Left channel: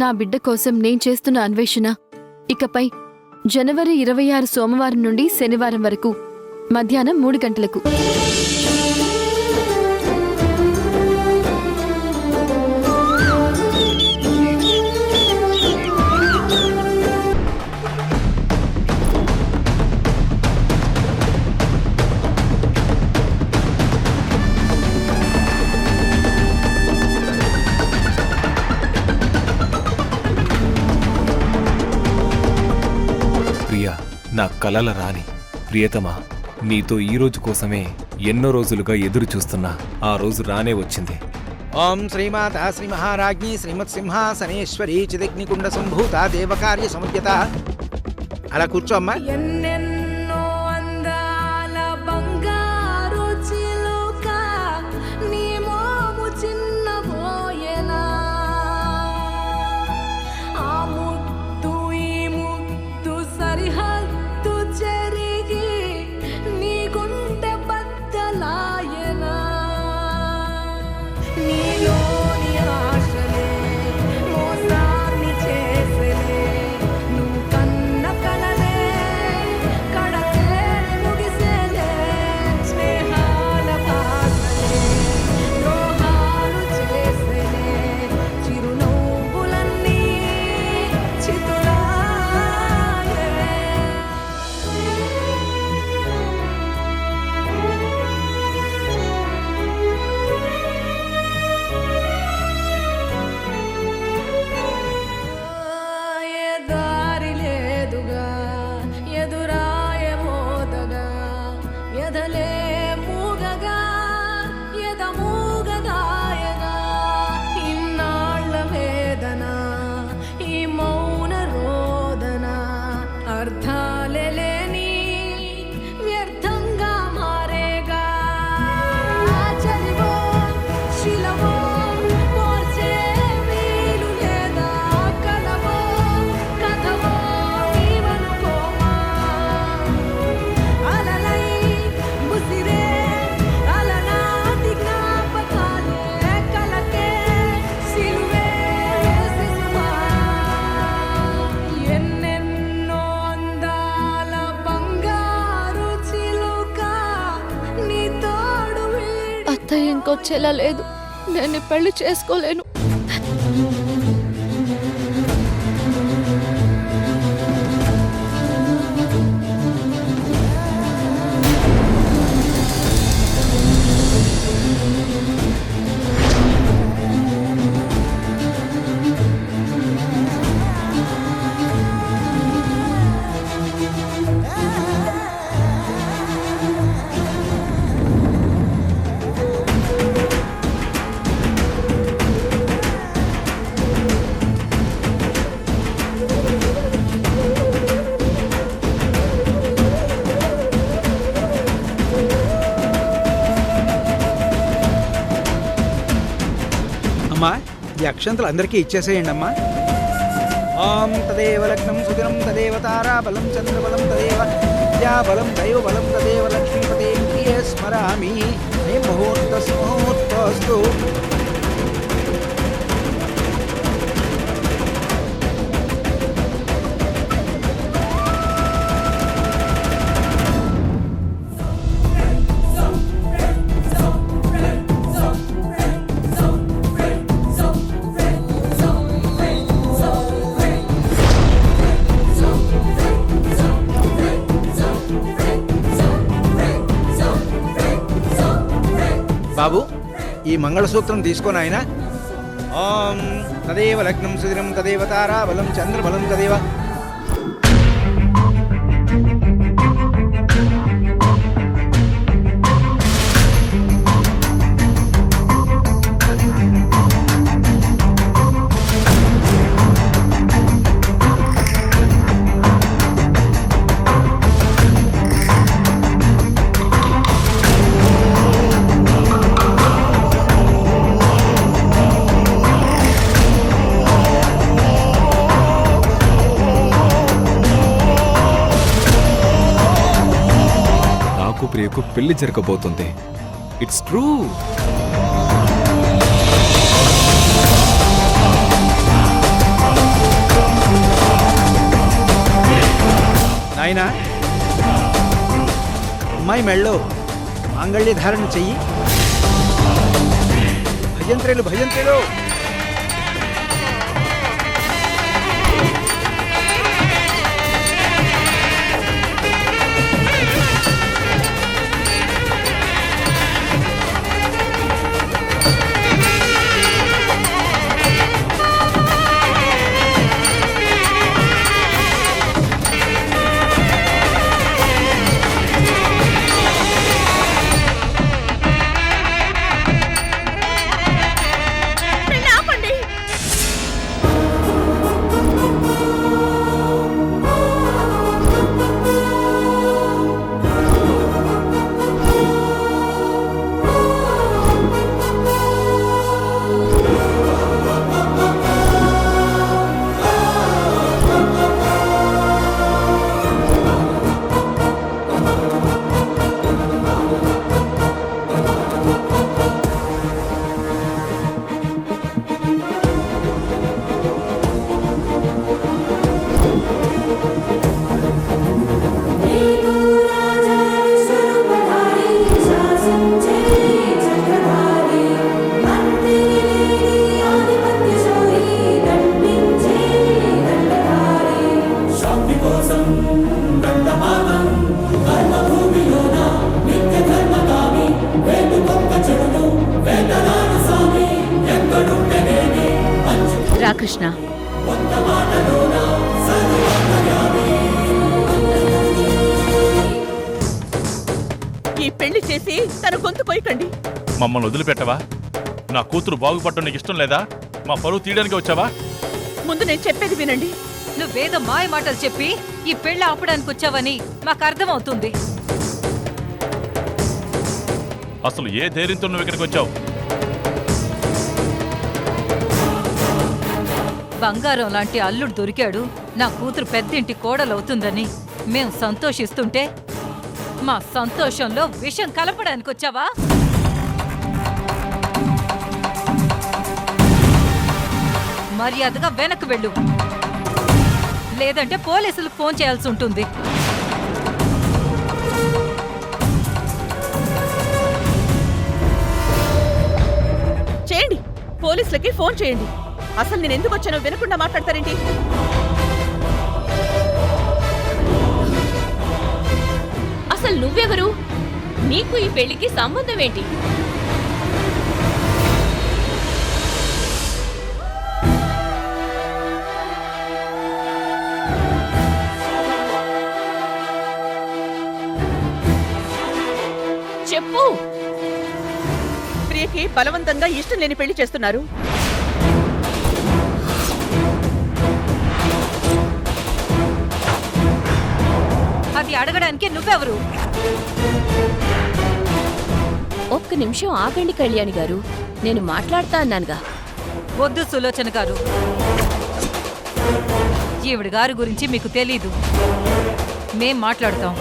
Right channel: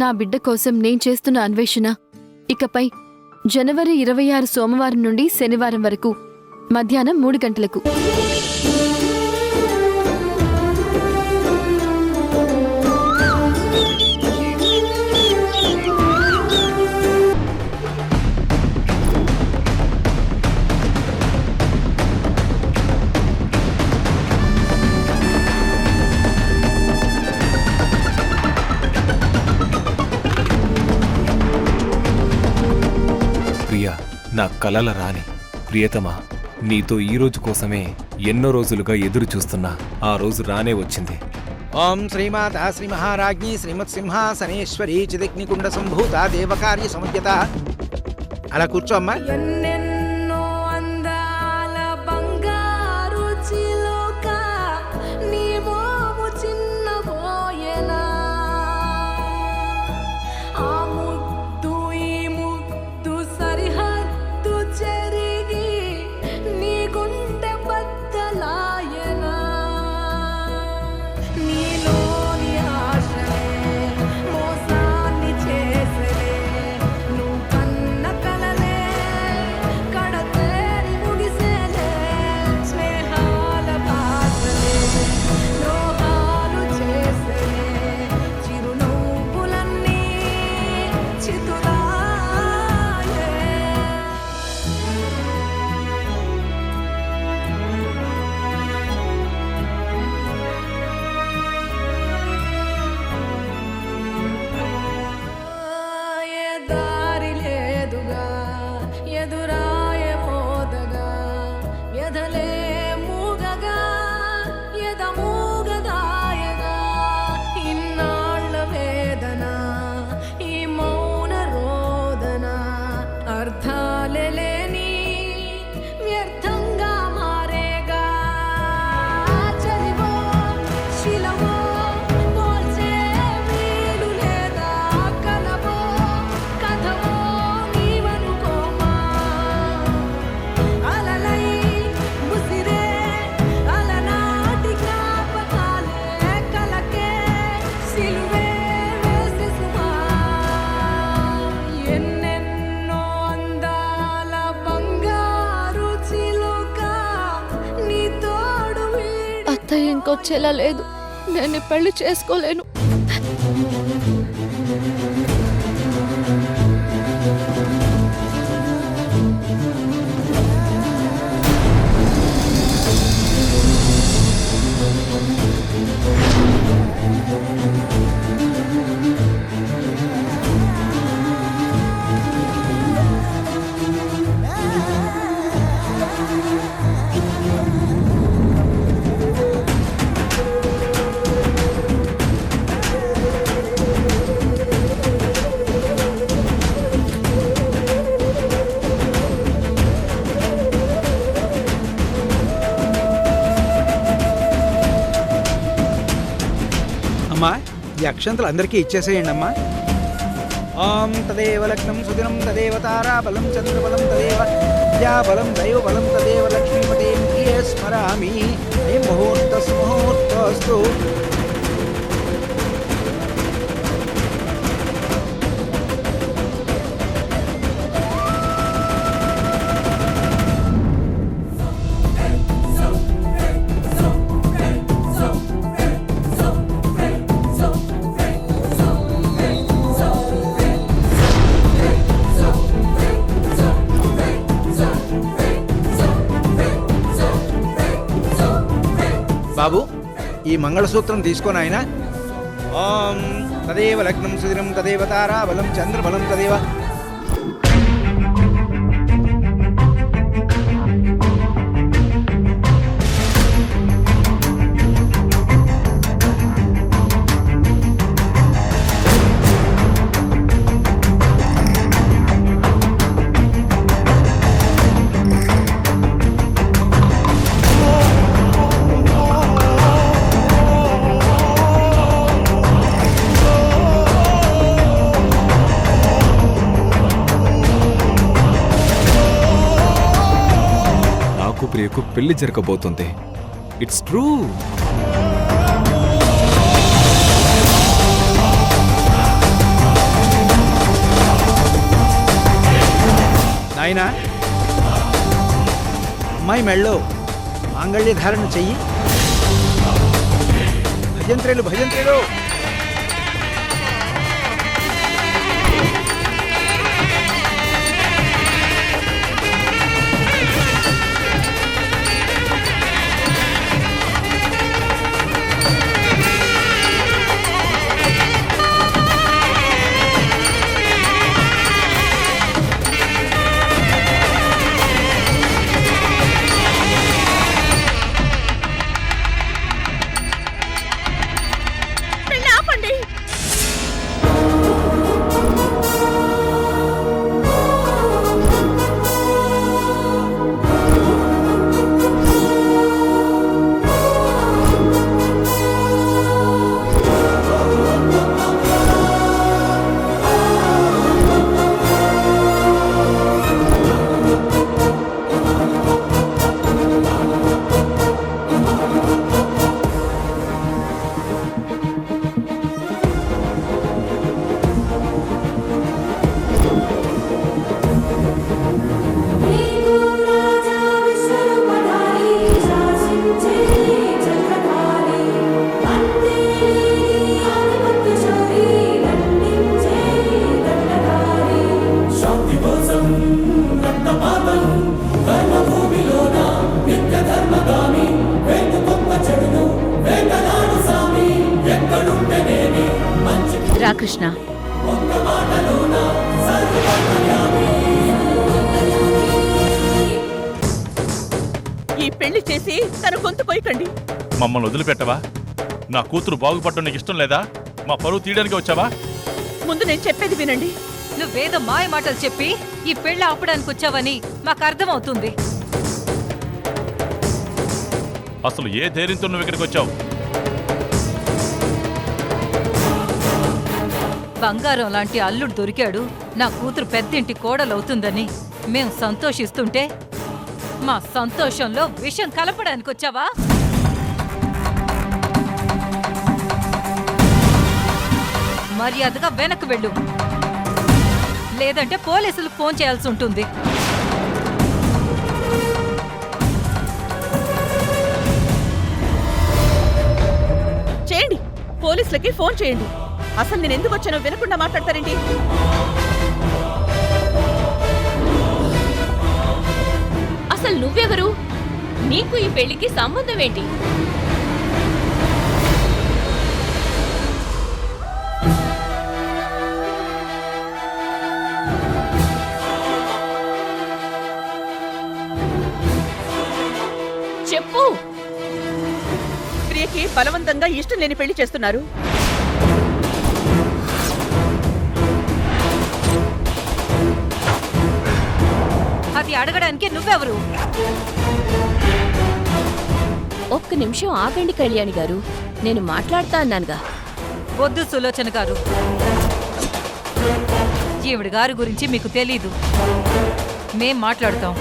నా బిడ్డ కోసం నేను చేస్తున్న అన్వేషణ ఇకపై జనవరి 26 సోమవారం నుండి శనివారం వరకు మధ్యాహ్నం 3 గంటలకు. ప్రియా, నా కలల రాణి, ప్రియతమా, నీతో ఈ రోజు కోసమే ఎన్నో రోజులుగా ఎదురు చూస్తున్నా. ఆ రోజు రానే వచ్చింది. ఓం శ్రీమాత శ్రీ మహారాజ్ఞి శ్రీమత్ సింహాసనేశ్వరి చిదగ్నికుండ సంభూత దేవకార్య సమజ్ఞత. అలా కూర్చో అమ్మా. ఎన్నెన్నో అందాల బంగారు చిలుక నీ మోము చిన్నబోయేనా, ఆ ముద్దు ఈ ముద్దు సరిహద్దు చెరిగి నీ గుండె బద్దలాయనా, నీలోని ఆశలే మోసాన్ని చేసలే, నువ్వు కన్న కలలే కడతేరి ముగిసేలే, స్నేహాల భాషలే ద్రోహాలు చేసలే, చిరునవ్వులన్నీ చితులాయే. ఏ దారి లేదుగా ఎదురాయే మోదగా, వ్యధలే మూగగా ఎద మూగదాయగా, ఇన్నాళ్ళ వేదన ఈ మౌన రోదన, అర్థాలే లేని వ్యర్థంగా మారేగా, చలివో శిలవో పోల్చే వీలు లేదా, కలవో కథవో నీవనుకోమా, అలలై ముసిరే అలనాటి జ్ఞాపకాలే కలకే సిలువే వేసి సుమా, ఎన్నెన్నో అందాల బంగారు చిలుక నీ తోడు వీడి. అత్తయ్య ఇంకొచ్చేలా లేదు. నేను ఈ పెళ్లి చేసుకోలేను. అమ్మా, ఈ అక్షంతలు అందరికీ ఇచ్చేసేయండి అమ్మా. ఓం తదేవ లగ్నం సుదినం తదేవ తారాబలం చంద్రబలం తదేవ విద్యాబలం దైవబలం తదేవ లక్ష్మీపతే ప్రియ స్మరామి. ముహూర్తస్తు. బాబు, ఈ మంగళసూత్రం తీసుకొని ఆయన. ఓం తదేవ లగ్నం సుదినం తదేవ తారాబలం చంద్రబలం తదేవ. నాకు ప్రియకు పెళ్లి జరగబోతుంది. It's true. నాయనా, అమ్మాయి మెళ్ళో మాంగళ్య ధారణ చెయ్యి. భజంత్రేలు భజంత్రేలు. రా కృష్ణ. ఈ పెళ్లి చేసి తన గొంతు కొయ్యకండి. మమ్మల్ని వదిలిపెట్టవా? నా కూతురు బాగుపడటం నీకు ఇష్టం లేదా? మా పరువు తీయడానికి వచ్చావా? ముందు నేను చెప్పేది వినండి. నువ్వేదో మాయ మాటలు చెప్పి ఈ పెళ్లి ఆపడానికి వచ్చావని మాకు అర్థమవుతుంది. అసలు ఏ ధైర్యంతో నువ్వు ఇక్కడికి వచ్చావు? బంగారం లాంటి అల్లుడు దొరికాడు, నా కూతురు పెద్దింటి కోడలవుతుందని మేం సంతోషిస్తుంటే మా సంతోషంలో విషం కలపడానికి వచ్చావా? మర్యాదగా వెనక్కి వెళ్ళు, లేదంటే పోలీసులకు ఫోన్ చేయాల్సి ఉంటుంది. చేయండి, పోలీసులకి ఫోన్ చేయండి. అసలు నేను ఎందుకు వచ్చానో వినకుండా మాట్లాడతారేంటి? అసలు నువ్వెవరు? నీకు ఈ పెళ్లికి సంబంధం ఏంటి? చెప్పు. ప్రియకి బలవంతంగా ఇష్టం లేని పెళ్లి చేస్తున్నారు. అది అడగడానికి నువ్వెవరు? ఒక్క నిమిషం ఆగండి కళ్యాణి గారు, నేను మాట్లాడతా అన్నానుగా. వద్దు సులోచన గారు, ఈవిడ గారి గురించి మీకు తెలీదు. మేం మాట్లాడతాం.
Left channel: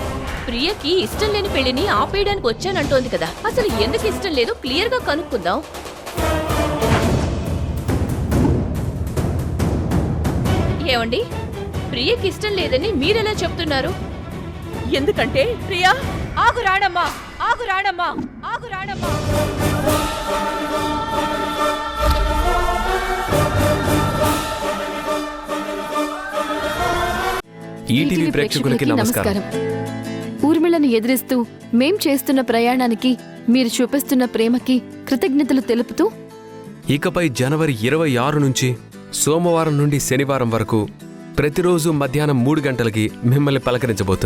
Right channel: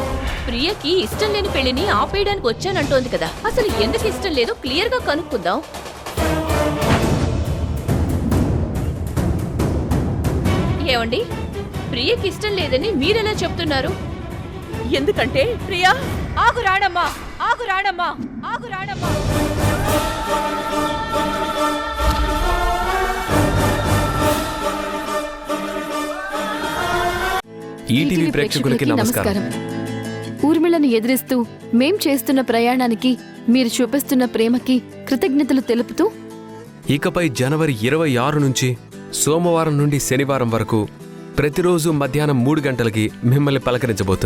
ప్రియకి ఇష్టం లేని పెళ్లిని ఆపేయడానికి వచ్చానంటోంది కదా, అసలు ఎందుకు ఇష్టం లేదో క్లియర్ గా కనుక్కుందాం. ఏమండి, ప్రియకి ఇష్టం లేదని మీరెలా చెప్తున్నారు? ఎందుకంటే ప్రియా... ఆగు రాణమ్మా, ఆగు రాణమ్మా, ఆగు రాణమ్మా. ఈటీవీ ప్రేక్షకులకి నమస్కారం. ఊర్మిళను ఎదిరిస్తూ మేం చేస్తున్న ప్రయాణానికి మీరు చూపిస్తున్న ప్రేమకి కృతజ్ఞతలు తెలుపుతూ ఇకపై జనవరి 26 నుంచి సోమవారం నుండి శనివారం వరకు ప్రతిరోజు మధ్యాహ్నం 3 గంటలకి మిమ్మల్ని పలకరించబోతుంది.